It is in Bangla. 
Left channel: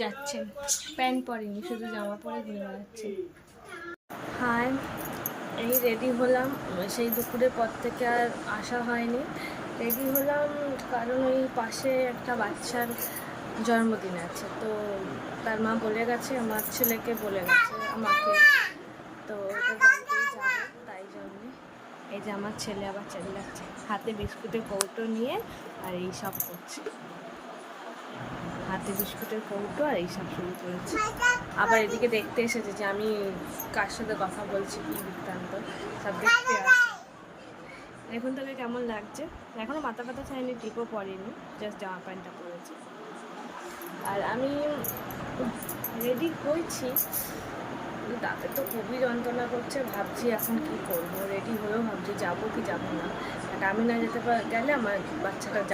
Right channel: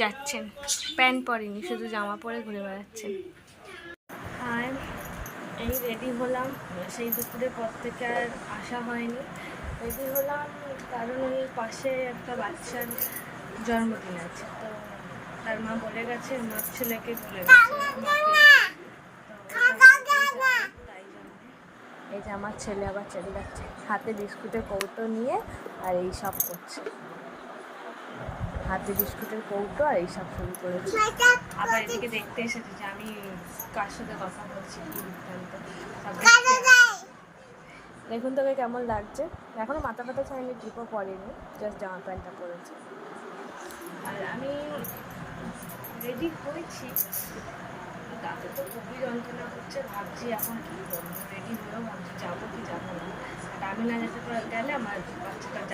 যাচ্ছেন, প্যান্ট পরেনি, শুধু জামা পরে ঘুরে বেড়াচ্ছেন। হ্যাঁ, এই রেডি হলাম, সেই দুপুরের পর থেকে আর আসা হয়নি। রেডি হলাম কারণ ওই পাশে একটা বাচ্চার জন্মদিন আছে, তো তার মা বলে গেছে, আমার ছেলেকে বলে গেছে আমাকে, তো ওটা বাড়িতেই যাবো, তাই জন্যে। এই যে আমার ছেলে আবার চেল্লাচ্ছে, হাতে বিস্কুটের কৌটো নিয়ে আর এই সব করছে, হাতে বিস্কুটের কৌটো আর এই সব শুরু করেছে। আবার এদিকে দেখতে এসেছে যে আমি কার সাথে কথা বলছি, কি বৃত্তান্ত সব দেখতে আসছে। দেখুন তোকে কেমন লাগছে। এখনও মাথা ফাটা ছাইনি, টিপও পরেনি, জাস্ট জামা প্যান্টটা পরেছে। আর আমি রেডি হয়েছি, তাতে তো খুবই যন্ত্রণা করছে, ভাবছি এখন কি করবো। রেডি হয়েও ভাবছি যাবো কি যাবো না, আর আমি না যেতে গেলে আমার বাচ্চাটা